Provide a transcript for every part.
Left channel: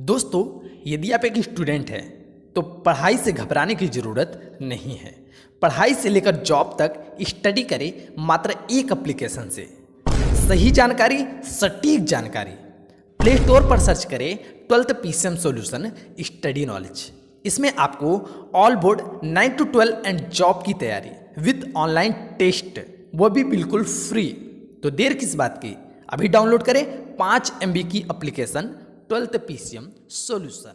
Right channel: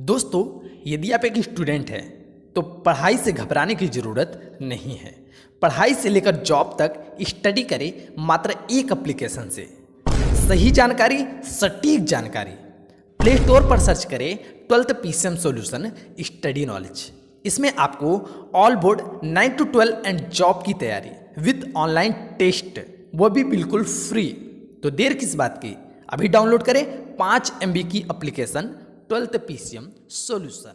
दोस्तों, यदि आप एक स्टूडेंट हैं तो पढ़ाई से घबराने की ज़रूरत नहीं है। पढ़ाई से लेकर जॉब तक स्टडी करें मात्र एक एप्लीकेशन से। सही जानकारी, सटीक जानकारी। प्ले स्टोर पर सर्च करें 12th PCM solution study knowledge. इसमें आपको all board 9 to 12 and job की तैयारी विद ऑनलाइन टेस्ट, वो भी बिल्कुल फ्री। तो देर किस बात की, अभी डाउनलोड करें 5 MB की application 12th PCM solution.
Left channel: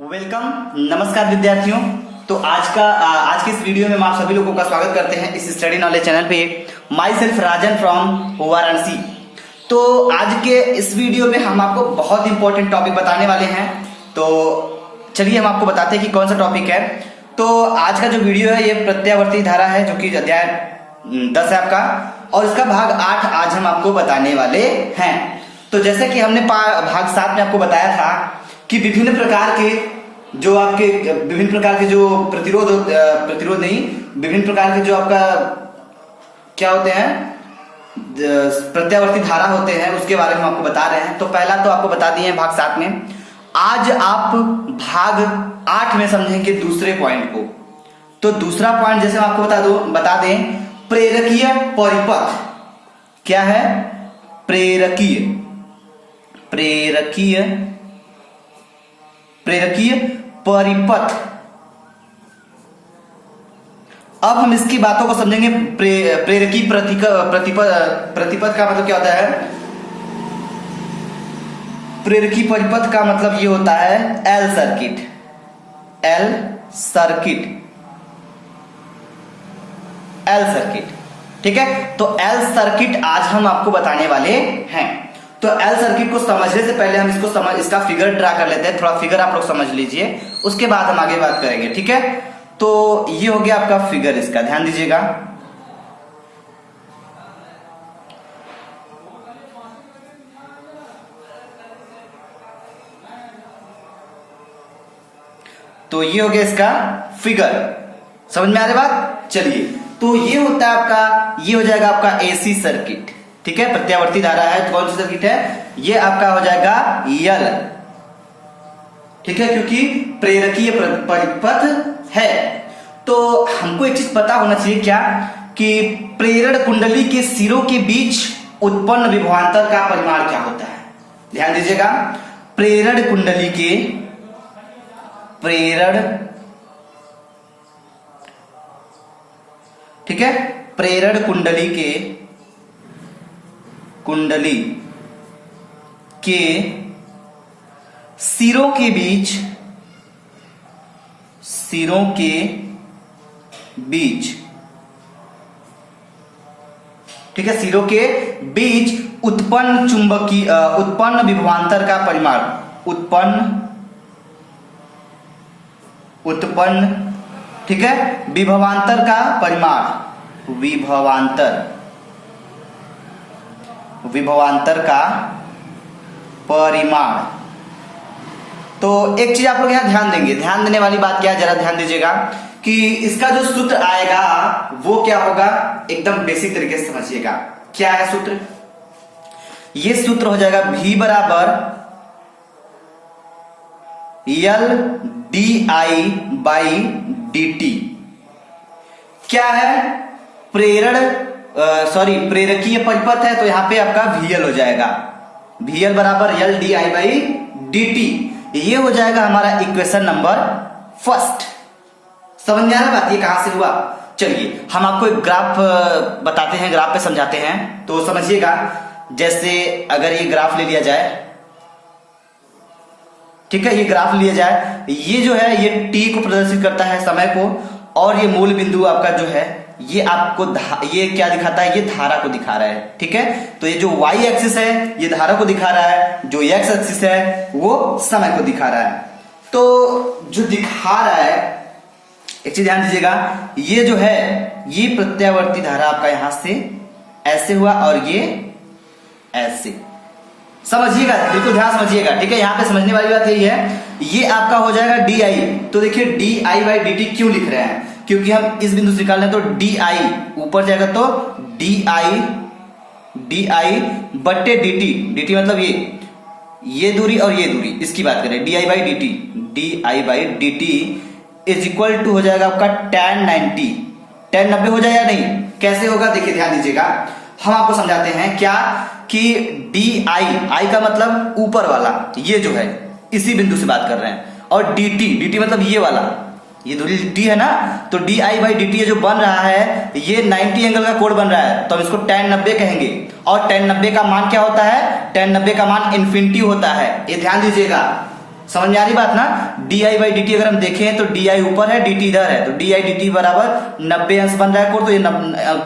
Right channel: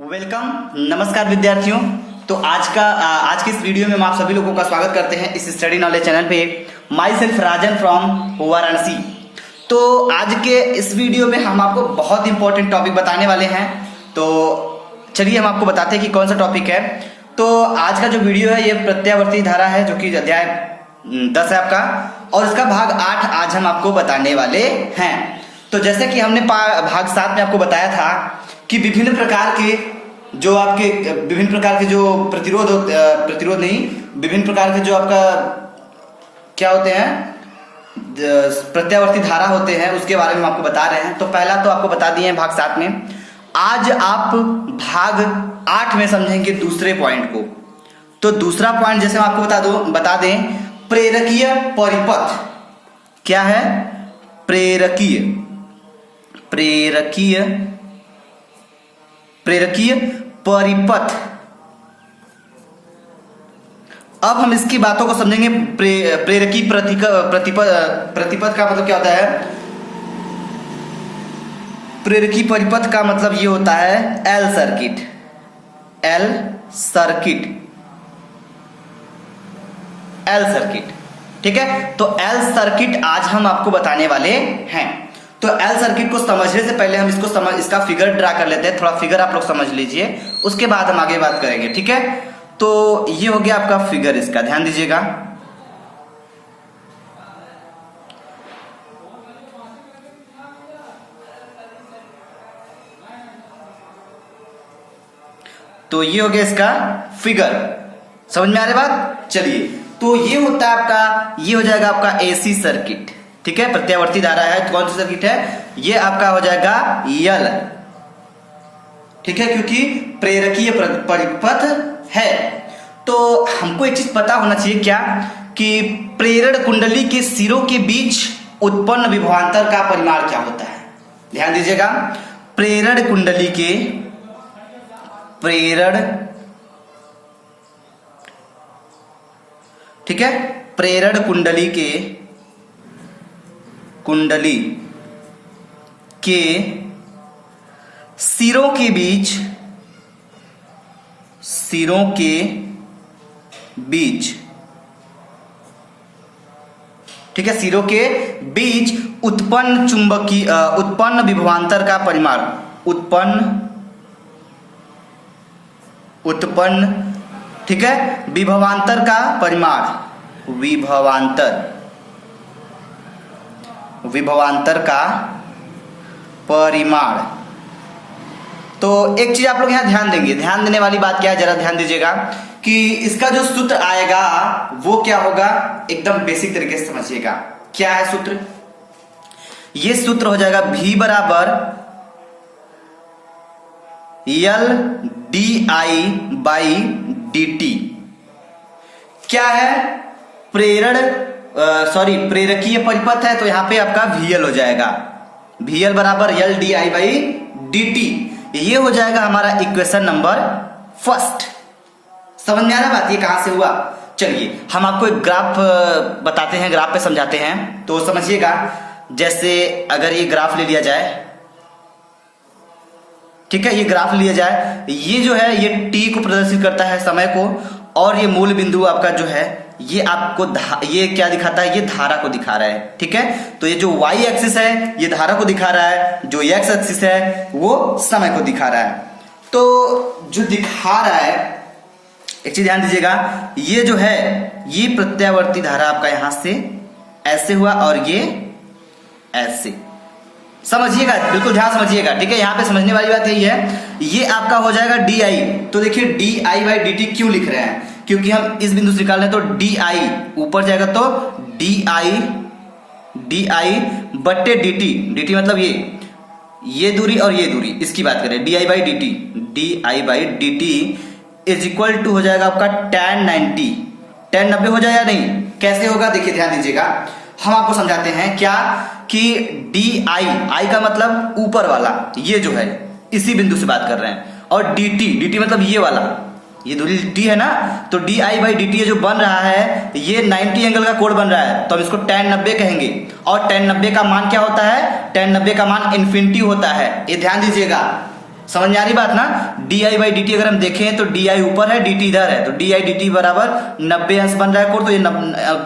Welcome, नमस्कार विद्यार्थियों। तो आज के इस वीडियो में हम आप सभी लोगों का स्वागत करते हैं इस स्टडी नॉलेज चैनल पे। My self Rajan from Varanasi. तो आज के इस वीडियो में हम आपको बहुत इंपॉर्टेंट टॉपिक बताने वाले हैं। तो चलिए हम आपको बताते हैं कि कौन सा टॉपिक है। तो आज का जो वीडियो है ये प्रत्यावर्ती धारा है, जो कि अध्याय 10 है आपका, और इसका भाग 8 आज हम आपको बताने वाले हैं। तो जैसे कि हमने भाग 7 में आपको बताया था कि विभिन्न प्रकार के जो प्रतिरोध नहीं, विभिन्न प्रकार के जो आपका क्या होते हैं, प्रत्यावर्ती धारा होते हैं, उसके बारे में आपको बता रहे हैं। तो पहला तो आपको बता दिए भाग 7 में। आज आप भाग 8 में समझेंगे दूसरे पॉइंट को। तो दूसरा पॉइंट जैसे मैं आपको बता दें, प्रेरकीय परिपथ क्या है। प्रेरकीय परिपथ। अब हम इसकी बातों को समझेंगे। प्रेरकीय प्रतिपथ का मतलब क्या होता है। प्रेरकीय परिपथ का मतलब ये होता है एल सर्किट। ठीक है, तो एल सर्किट आज हम आपको बताने वाले हैं। तो एल सर्किट को समझने से पहले हम इसका फिगर ड्रा कर लेते हैं। थोड़ा फिगर आप लोग समझ लीजिए, उसके बाद हम आगे बात करेंगे। ठीक है, तो ये हो गया आपका फिगर, इसका ध्यान दीजिएगा। तो ये हो गया इसका फिगर। समझ में आ रही बात। चलिए, तो ये होता है आपका, ये हो जाएगा आपका एसी सर्किट। ठीक है, प्रत्यावर्ती धारा है। कौन सी सर्किट है, ये आपका हो जाएगा यल। ठीक है, क्योंकि प्रेरकीय परिपथ है। तो हमको एक चीज पता होना चाहिए, क्या कि प्रेरण कुंडली के सिरों के बीच उत्पन्न विभवांतर का परिमाण क्या होता है। ध्यान दीजिएगा, प्रेरण कुंडली के ठीक है, प्रेरण कुंडली के सिरों के बीच ठीक है, सिरों के बीच उत्पन्न विभवांतर का परिमाण, उत्पन्न ठीक है, विभवांतर का परिमाण, विभवांतर का परिमाण। तो एक चीज आप लोग यहां ध्यान देंगे, ध्यान देने वाली बात क्या है, जरा ध्यान दीजिएगा कि इसका जो सूत्र आएगा वो क्या होगा। एकदम बेसिक तरीके से समझिएगा क्या है सूत्र। ये सूत्र हो जाएगा V बराबर L DI बाई DT। क्या है, प्रेरकीय परिपथ है, तो यहां पे आपका VL हो जाएगा। VL बराबर L DI बाई DT। ये हो जाएगा हमारा इक्वेशन नंबर 1। समझ में आ रहा है बात, ये कहां से हुआ। चलिए हम आपको एक ग्राफ बताते हैं, ग्राफ पे समझाते हैं। तो समझिएगा, जैसे अगर ये ग्राफ ले लिया जाए, ठीक है, ये ग्राफ लिया जाए, ये जो है ये t को प्रदर्शित करता है, समय को, और ये मूल बिंदु आपका जो है ये आपको ये क्या दिखाता है, ये धारा को दिखा रहा है। ठीक है, तो ये जो y एक्सिस है ये धारा को दिखा रहा है, जो x एक्सिस है वो समय को दिखा रहा है। तो जो दिखा रहा है, एक चीज ध्यान दीजिएगा, ये जो है ये प्रत्यावर्ती धारा आपका यहां से ऐसे हुआ और ये ऐसे। समझिएगा, बिल्कुल ध्यान समझिएगा। ठीक है, यहाँ पे समझने वाली बात यही है, ये आपका हो जाएगा DI। तो देखिए DI बाई DT क्यों लिख रहे हैं, क्योंकि हम इस बिंदु से निकाल रहे हैं, तो डी आई ऊपर जाएगा तो डी आई बट्टे डी टी मतलब ये दूरी और ये दूरी, इसकी बात करें, D I by D T is equal to हो जाएगा आपका tan 90। tan 90 हो जाएगा नहीं, कैसे होगा देखिए ध्यान दीजिएगा, हम आपको समझाते हैं क्या कि डी आई का मतलब ऊपर वाला, ये जो है इसी बिंदु से बात कर रहे हैं, और डी टी मतलब ये वाला, ये दूरी डी है ना, तो D I by D T ये जो बन रहा है ये 90 एंगल का कोण बन रहा है, तो हम इसको tan 90 कहेंगे। और tan 90 का मान क्या होता है, tan 90 का मान इन्फिनिटी होता है, ये ध्यान दीजिएगा। समझ में आ रही बात ना। D I by D T अगर हम देखें तो डी आई ऊपर है, डी टी इधर है, तो डी आई डी टी बराबर 90 अंश बन रहा है कोण, तो ये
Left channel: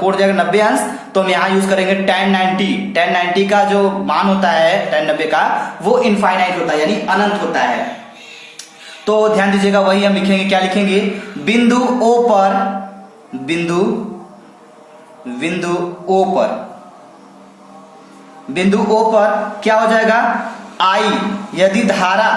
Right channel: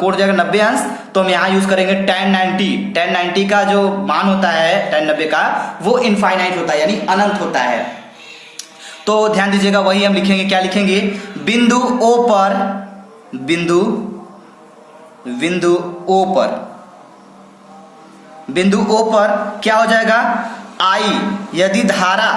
कोण जाएगा 90 अंश, तो हम यहाँ यूज करेंगे tan 90। tan 90 का जो मान होता है tan 90 का, वो इनफाइनाइट होता है, यानी अनंत होता है। तो ध्यान दीजिएगा, वही हम लिखेंगे, क्या लिखेंगे, बिंदु ओ पर क्या हो जाएगा, आई, यदि धारा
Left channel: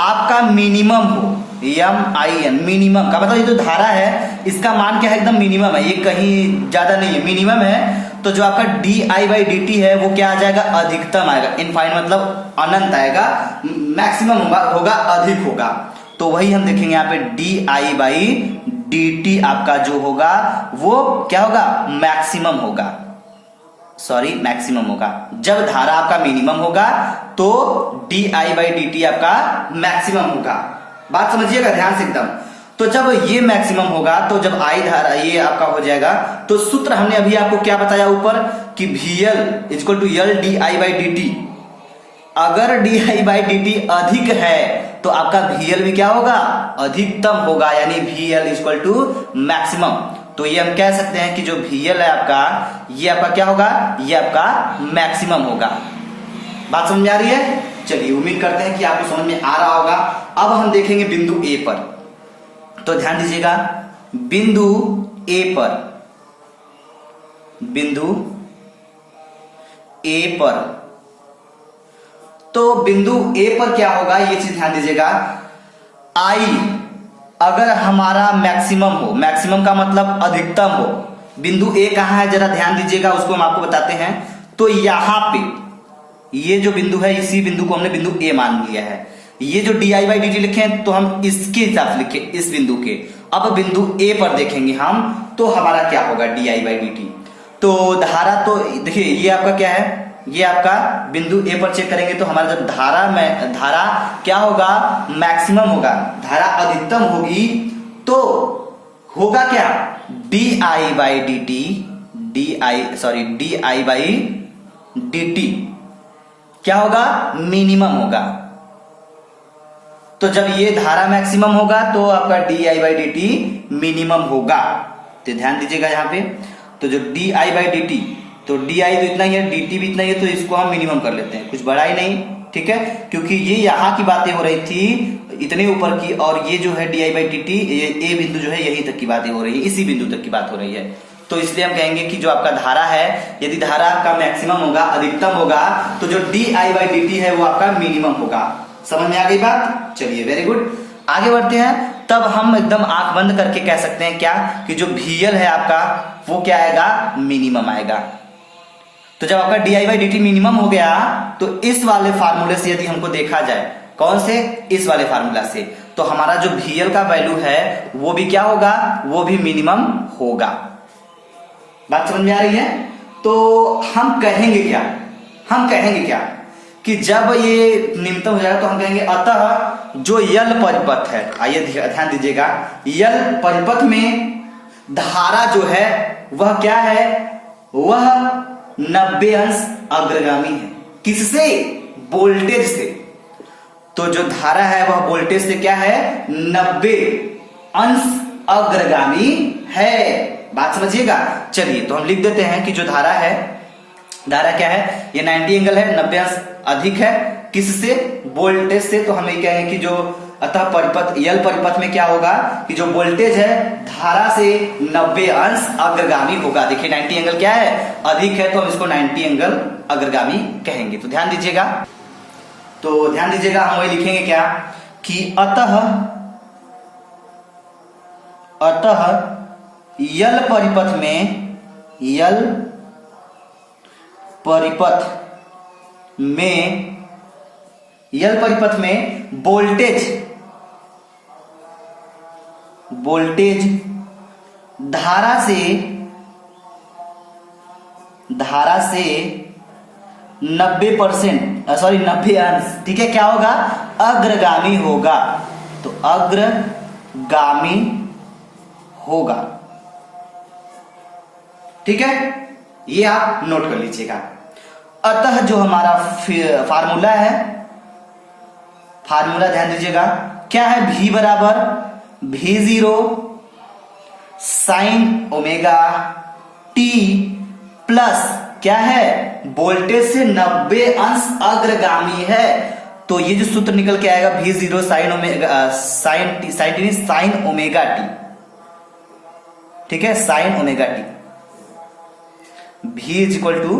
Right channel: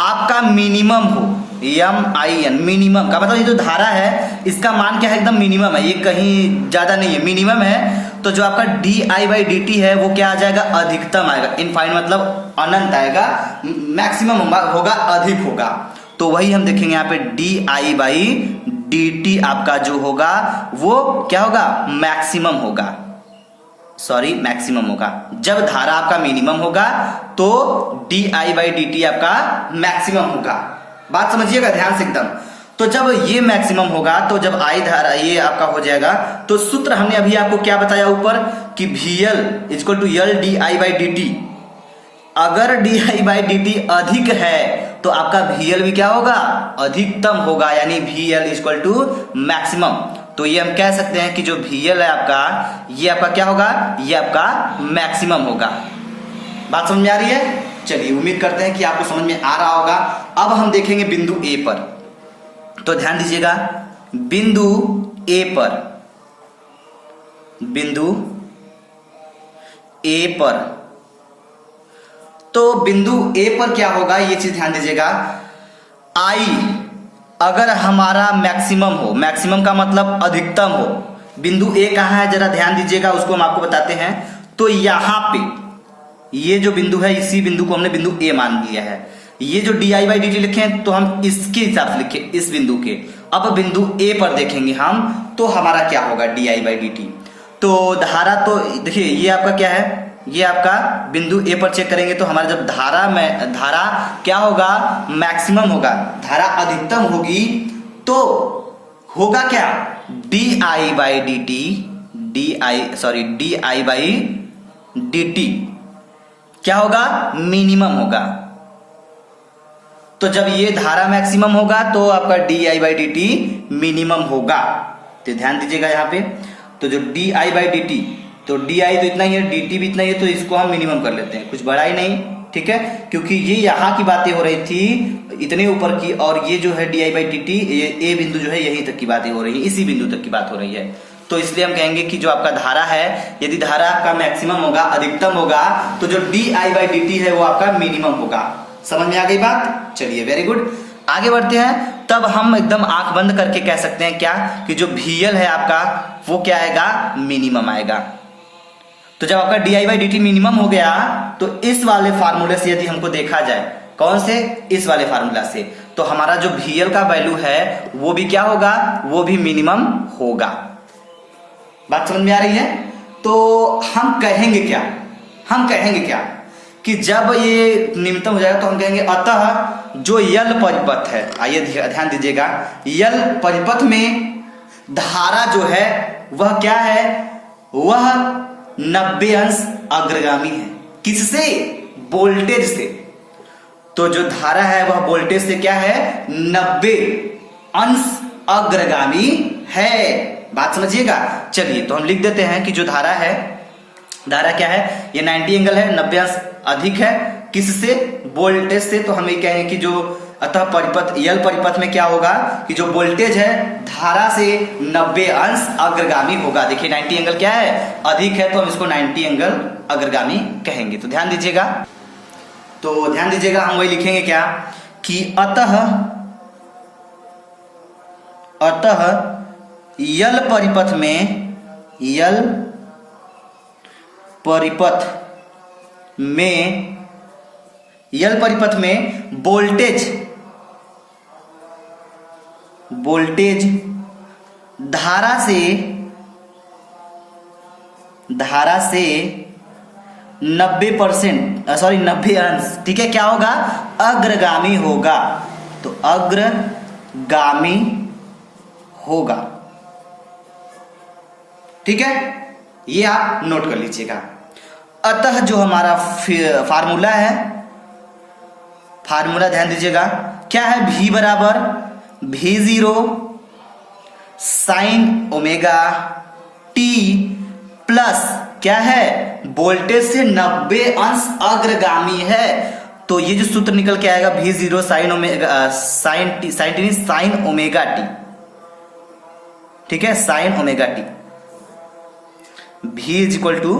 आपका मिनिमम हो, MIN मिनिमम का मतलब ये जो धारा है इसका मान क्या है, एकदम मिनिमम है, ये कहीं ज्यादा नहीं है, मिनिमम है, तो जो आपका D I by D T है वो क्या आ जाएगा, अधिकतम आएगा, इनफाइनाइट मतलब अनंत आएगा, मैक्सिमम होगा, अधिक होगा। तो वही हम देखेंगे यहाँ पे D I by D T आपका जो होगा वो क्या होगा, मैक्सिमम होगा। जब धारा आपका मिनिमम होगा तो D I by D T आपका मैक्सिमम होगा। बात समझिएगा ध्यान से एकदम। तो जब ये मैक्सिमम होगा, तो जब आई धारा ये आपका हो जाएगा, तो सूत्र हमने अभी आपको क्या बताया ऊपर कि VL equal to L D I by D T. अगर D I by D T अधिक है तो आपका VL भी क्या होगा, अधिकतम होगा, यानी VL इक्वल टू मैक्सिमम। तो ये हम कह सकते हैं कि जो VL है आपका, ये आपका क्या होगा, ये आपका मैक्सिमम होगा। बात समझ आ रही है। चलिए उम्मीद करते हैं कि आपको समझ में आ रहा होगा। अब हम देखेंगे बिंदु ए पर, तो ध्यान दीजिएगा, बिंदु ए पर तो बिंदु ए पर क्या होगा, ये चीज ध्यान दीजिएगा, आई अगर हमारा मैक्सिमम हो, मैक्सिमम का मतलब अधिकतम हो, बिंदु ए कहां है जरा ध्यान दीजिएगा, उसको हम आपको बताते हैं। तो यहां पे ये जो बिंदु है, इसी बिंदु को हमने बिंदु ए मान लिया है। ये जो D I by D T लिखे हैं, तो हम इसके हिसाब से लिखे, इस बिंदु के। अब बिंदु ए पर देखेंगे हम, तो हमारा क्या होगा, D I by D T. तो धारा, तो देखिए ये आपका क्या है, ये आपका बिंदु ए पर चेक करेंगे, तो हमारा जब धारा क्या होगा, मैक्सिमम होगा, धारा अधिकतम होगी, तो होगा क्या, D I by D T, D I by D T क्या होगा, मिनिमम होगा। तो जब ये धारा मैक्सिमम होगा तो आपका D I by D T minimum होगा। तो ध्यान दीजिएगा यहाँ पे, तो जो D I by D T, तो डी आई तो इतना ही है, डी टी भी इतना ही है, तो इसको हम मिनिमम कर लेते हैं, कुछ बड़ा ही नहीं, ठीक है, क्योंकि ये यहाँ की बातें हो रही थी इतने ऊपर की, और ये जो है D I by D T, A बिंदु जो है यहीं तक की बातें हो रही है, इसी बिंदु तक की बात हो रही है। तो इसलिए हम कहेंगे कि जो आपका धारा है, यदि धारा आपका मैक्सिमम होगा, अधिकतम होगा, तो जो D I by D T है वो आपका मिनिमम होगा। समझ में आ गई बात। चलिए वेरी गुड, आगे बढ़ते हैं। तब हम एकदम आंख बंद करके कह सकते हैं क्या, कि जो VL है आपका वो क्या आएगा, मिनिमम आएगा। तो जब आपका D I by D T minimum हो गया, तो इस वाले फार्मूले से यदि हमको देखा जाए, कौन से, इस वाले फार्मूला से, तो हमारा जो VL का वैल्यू है वो भी क्या होगा, वो भी मिनिमम होगा। बात समझ में आ रही है। तो हम कहेंगे क्या कि जब ये निम्नतम हो जाएगा, तो हम कहेंगे अतः जो यल परिपथ है, आइए ध्यान दीजिएगा, यल परिपथ में धारा जो है वह क्या है, वह 90 अंश अग्रगामी है। किससे, वोल्टेज से। तो जो धारा है वह वोल्टेज से क्या है, 90 अंश अग्रगामी है। बात समझिएगा। चलिए तो हम लिख देते हैं कि जो धारा है, धारा क्या है, ये 90 एंगल है, 90 अंश अधिक है, किससे, वोल्टेज से। तो हम ये कहेंगे कि जो अतः परिपथ, यल परिपथ में क्या होगा कि जो वोल्टेज है धारा से 90 अंश अग्रगामी होगा। देखिए 90 एंगल क्या है, अधिक है, तो हम इसको 90 एंगल अग्रगामी कहेंगे। तो ध्यान दीजिएगा, हम वही लिखेंगे क्या कि अतः यल परिपथ में वोल्टेज धारा से 90 अंश, ठीक है, क्या होगा, अग्रगामी होगा। तो अग्रगामी होगा, ठीक है, ये आप नोट कर लीजिएगा। अतः जो हमारा फार्मूला है, फार्मूला ध्यान दीजिएगा, क्या है, V बराबर V0 sine omega t plus क्या है, वोल्टेज से 90 अंश अग्रगामी है। तो ये जो सूत्र निकल के आएगा V0 साइन ओमेगा t, ठीक है, sine omega t, V is equal to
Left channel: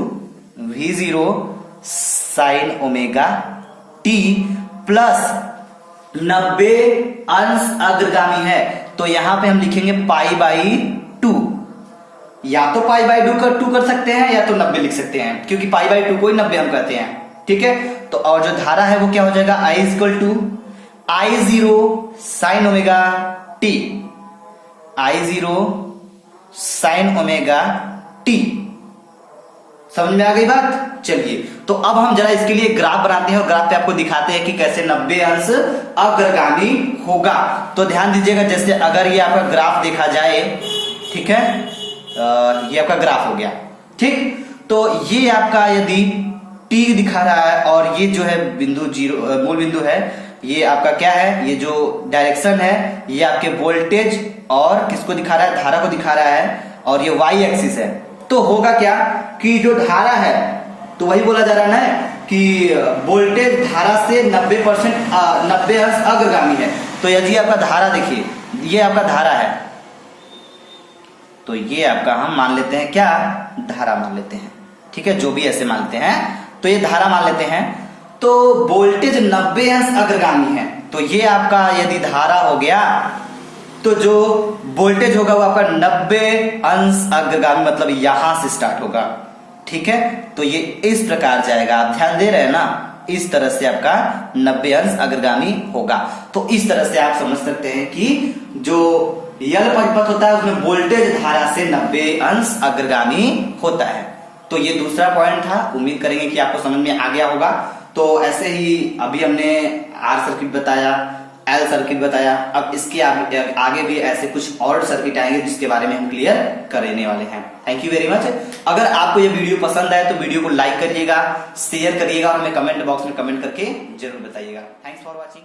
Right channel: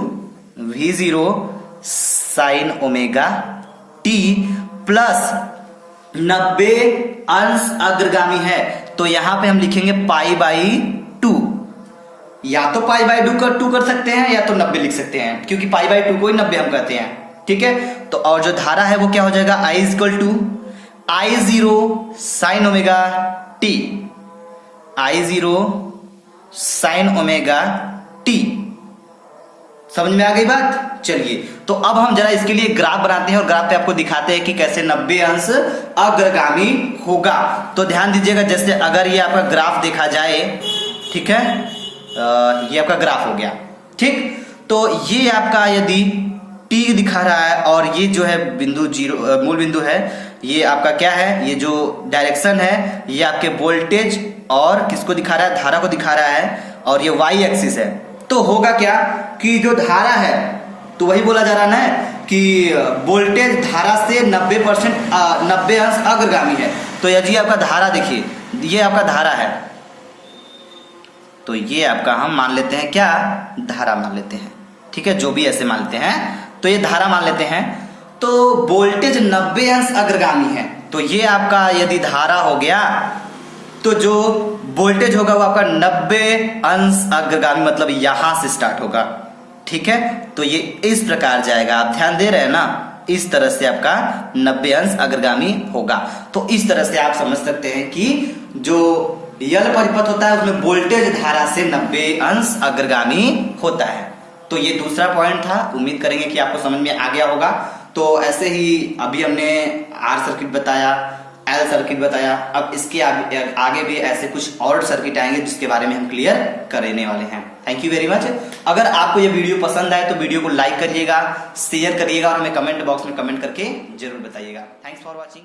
V0 sine omega t plus 90 अंश अग्रगामी है। तो यहां पे हम लिखेंगे पाई बाई 2, या तो पाई बाई 2 कर सकते हैं, या तो 90 लिख सकते हैं, क्योंकि पाई बाई 2 को ही 90 हम कहते हैं, ठीक है। तो और जो धारा है वो क्या हो जाएगा, I is equal to I0 sine omega t, I0 sine omega t। समझ में आ गई बात? चलिए, तो अब हम जरा इसके लिए ग्राफ बनाते हैं और ग्राफ पे आपको दिखाते हैं कि कैसे 90 अंश अग्रगामी होगा। तो ध्यान दीजिएगा, जैसे अगर ये आपका ग्राफ देखा जाए, ठीक है, ये आपका ग्राफ हो गया, ठीक। तो ये आपका यदि t दिखा रहा है और ये जो है बिंदु जीरो मूल बिंदु है, ये आपका क्या है, ये जो डायरेक्शन है ये आपके वोल्टेज और किसको दिखा रहा है, धारा को दिखा रहा है, और ये y एक्सिस है। तो होगा क्या कि जो धारा है, तो वही बोला जा रहा है ना कि वोल्टेज धारा से 90 अंश अग्रगामी है। तो यदि आपका धारा देखिए, ये आपका धारा है, तो ये आपका हम मान लेते हैं क्या, धारा मान लेते हैं, ठीक है, जो भी ऐसे मानते हैं, तो ये धारा मान लेते हैं। तो वोल्टेज 90 अंश अग्रगामी है, तो ये आपका यदि धारा हो गया, तो जो वोल्टेज होगा वो आपका 90 अंश अग्रगामी, मतलब यहां से स्टार्ट होगा, ठीक है। तो ये इस प्रकार जाएगा, आप ध्यान दे रहे हैं ना, इस तरह से आपका 90 अंश अग्रगामी होगा। तो इस तरह से आप समझ सकते हैं कि जो यल परिपथ होता है उसमें वोल्टेज धारा से 90 अंश अग्रगामी होता है। तो ये दूसरा पॉइंट था, उम्मीद करेंगे कि आपको समझ में आ गया होगा। तो ऐसे ही अभी हमने आर सर्किट बताया, एल सर्किट बताया, अब इसके आगे भी ऐसे कुछ और सर्किट आएंगे जिसके बारे में हम क्लियर करने वाले हैं। Thank you very much. अगर आपको ये वीडियो पसंद आए तो वीडियो को लाइक करिएगा, शेयर करिएगा और हमें कमेंट बॉक्स में कमेंट करके जरूर बताइएगा। Thanks for watching.